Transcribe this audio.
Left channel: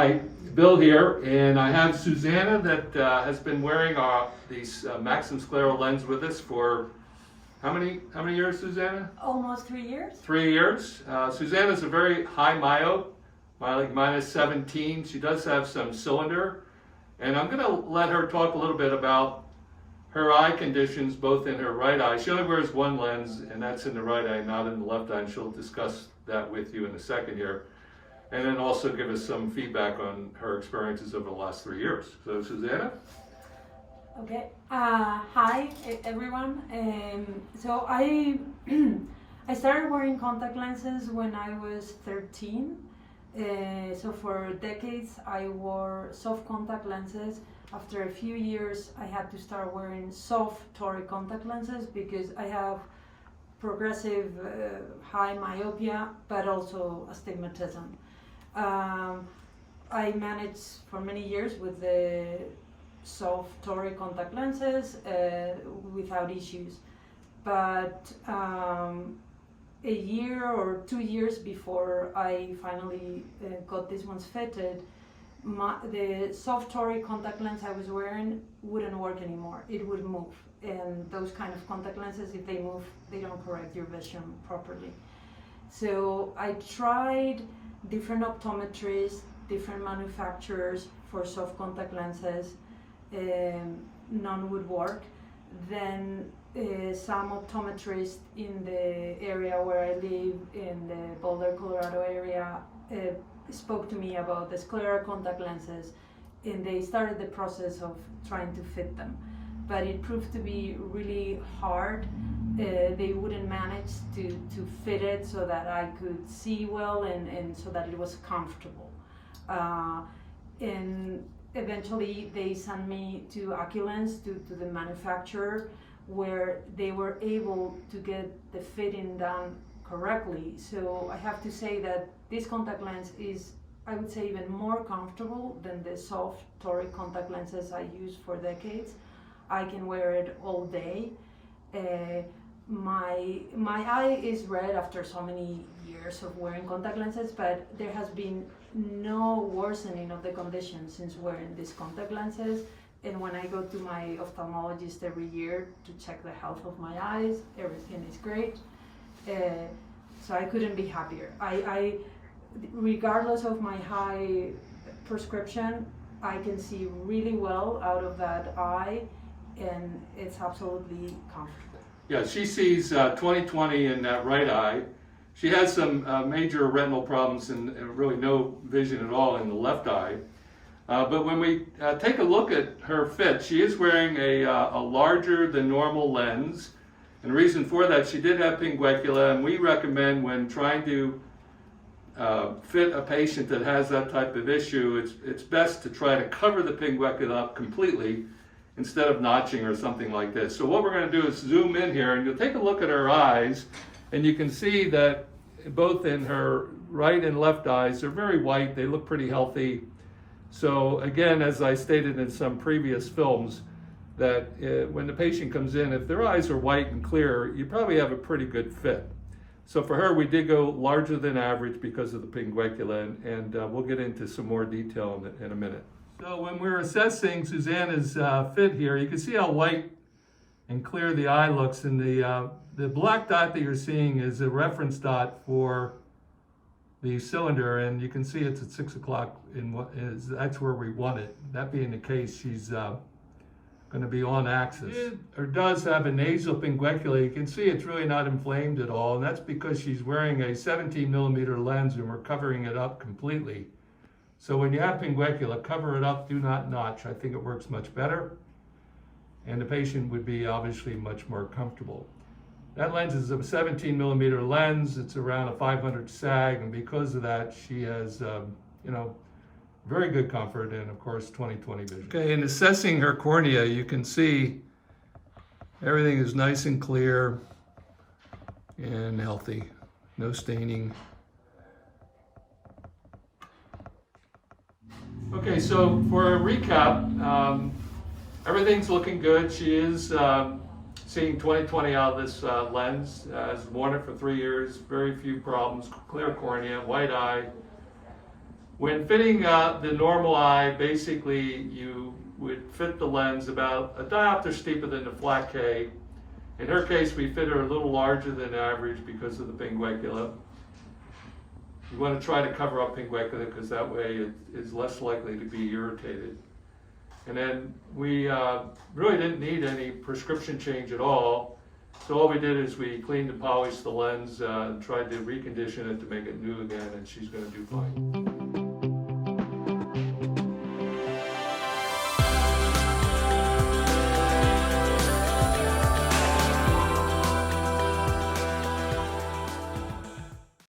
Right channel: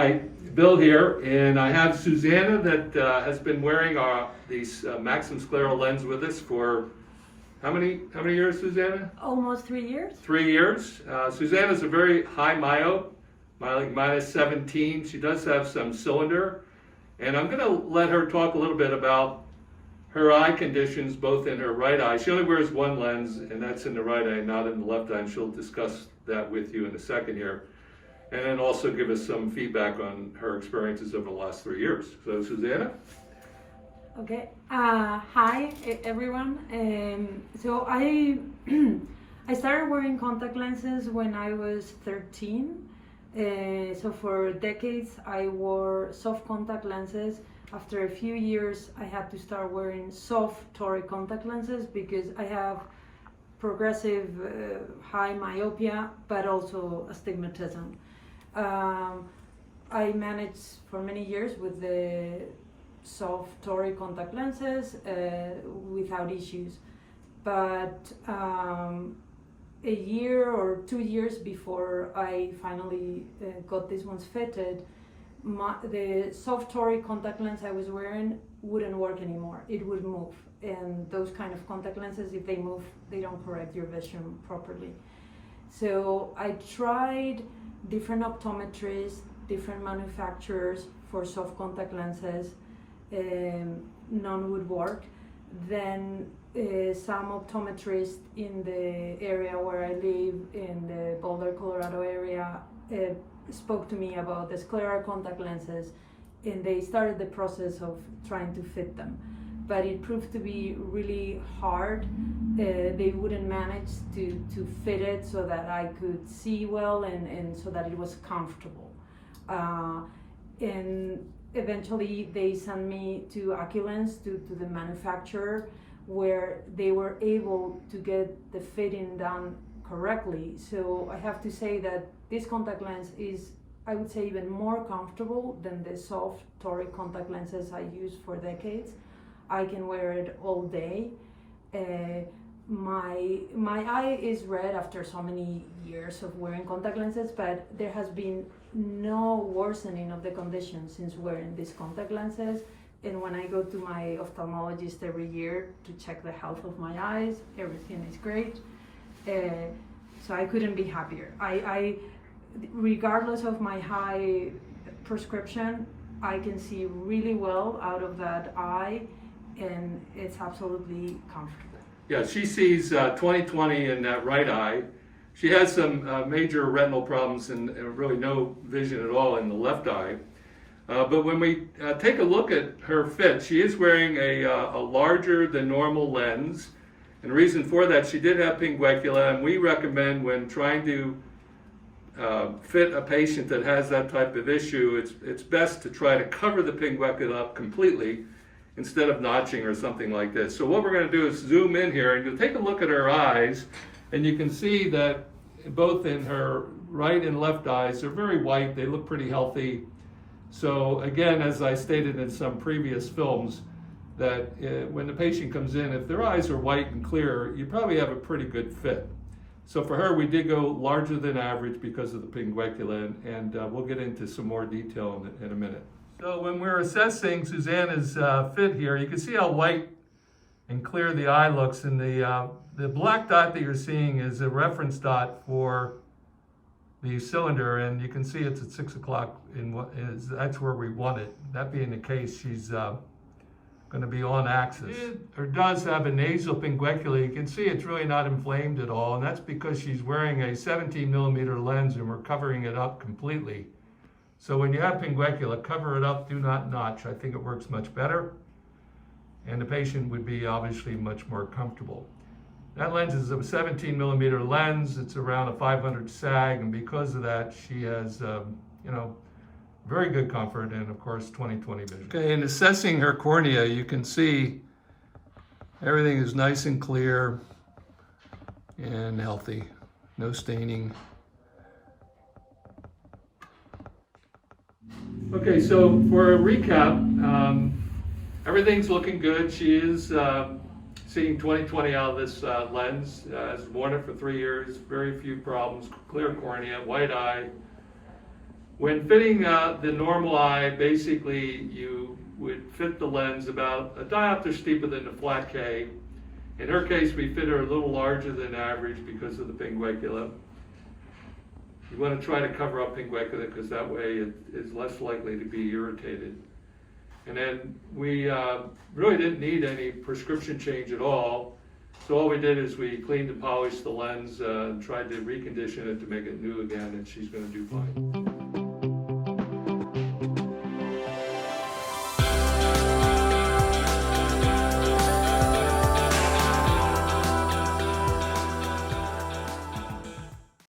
Hi, Bill here, and I have Susanna that has been wearing these Maxim Scleral lens with us for how many years, Susanna? Almost 3 years. 3 years. Susanna's a very high myope, like -17. She does have some cylinder, and I'm going to let her talk a little bit about her eye conditions, both in her right eye. She only wears one lens, and that's in the right eye, not in the left eye, and she'll discuss that with you in a second here. And then also give us some feedback on her experiences over the last 3 years. So, Susanna? Okay. Hi, everyone. So I I started wearing contact lenses when I was 13. So for decades I wore soft contact lenses. After a few years I had to start wearing soft toric contact lenses because I have progressive high myopia, but also astigmatism. I managed for many years with the soft toric contact lenses without issues, but a year or 2 years before I finally got these ones fitted, the soft toric contact lens I was wearing wouldn't work anymore. It would move, and those kind of contact lenses, if they move, they don't correct your vision properly. So I tried different optometrists, different manufacturers for soft contact lenses. None would work. Then some optometrists in the area where I live, in the Boulder, Colorado area, spoke to me about the Scleral contact lenses, and they started the process of trying to fit them. But it proved to be really hard. They wouldn't manage to fit it so that I could see well and so that it was comfortable. And eventually they sent me to Oculens, to the manufacturer, where they were able to get the fitting done correctly. So I have to say that this contact lens is, I would say, even more comfortable than the soft toric contact lenses I used for decades. I can wear it all day. My eye is red after so many years of wearing contact lenses, but there has been no worsening of the condition since wearing these contact lenses. And when I go to my ophthalmologist every year to check the health of my eyes, everything is great. So I couldn't be happier. I regardless of my high prescription, I can see really well out of that eye, and it's absolutely comfortable. Yeah, she sees 20/20 in that right eye. She has some major retinal problems and really no vision at all in the left eye. But when we take a look at her fit, she is wearing a larger than normal lens. And the reason for that, she did have pinguecula, and we recommend when trying to fit a patient that has that type of issue, it's best to try to cover the pinguecula up completely instead of notching or something like this. So what we're going to do is zoom in here, and you'll take a look at her eyes, and you can see that both in her right and left eyes, they're very white. They look pretty healthy. So again, as I stated in some previous films, that when the patient comes in, if their eyes are white and clear, you probably have a pretty good fit. So for her, we did go larger than average because of the pinguecula, and we'll get into some more detail in a minute. So when we're assessing Susanna's fit here, you can see how white and clear the eye looks, and the black dot that you're seeing is a reference dot for the cylinder, and you can see it's at 6 o'clock. That's where we want it. That being the case, she's going to be on axis. Or does have a nasal pinguecula. You can see it's really not inflamed at all, and that's because she's wearing a 17mm lens, and we're covering it up completely. So when you have pinguecula, cover it up, do not notch. I think it works much better, and the patient would be obviously much more comfortable. That lens is a 17mm lens. It's around a 500 sag, and because of that, she has, very good comfort and, of course, 20/20 vision. Okay, in assessing her cornea, you can see everything is nice and clear and healthy. No staining. Okay, so for a recap, everything's looking good. She is seeing 20/20 out of this lens. Has worn it for 3 years, very few problems, clear cornea, white eye, When fitting the normal eye, basically you would fit the lens about a diopter steeper than the flat K. In her case, we fit her a little larger than average because of the pinguicula. You want to try to cover up pinguicula because that way it is less likely to be irritated. And then we really didn't need any prescription change at all. So all we did is we cleaned and polished the lens and tried to recondition it to make it new again, and she's going to do fine.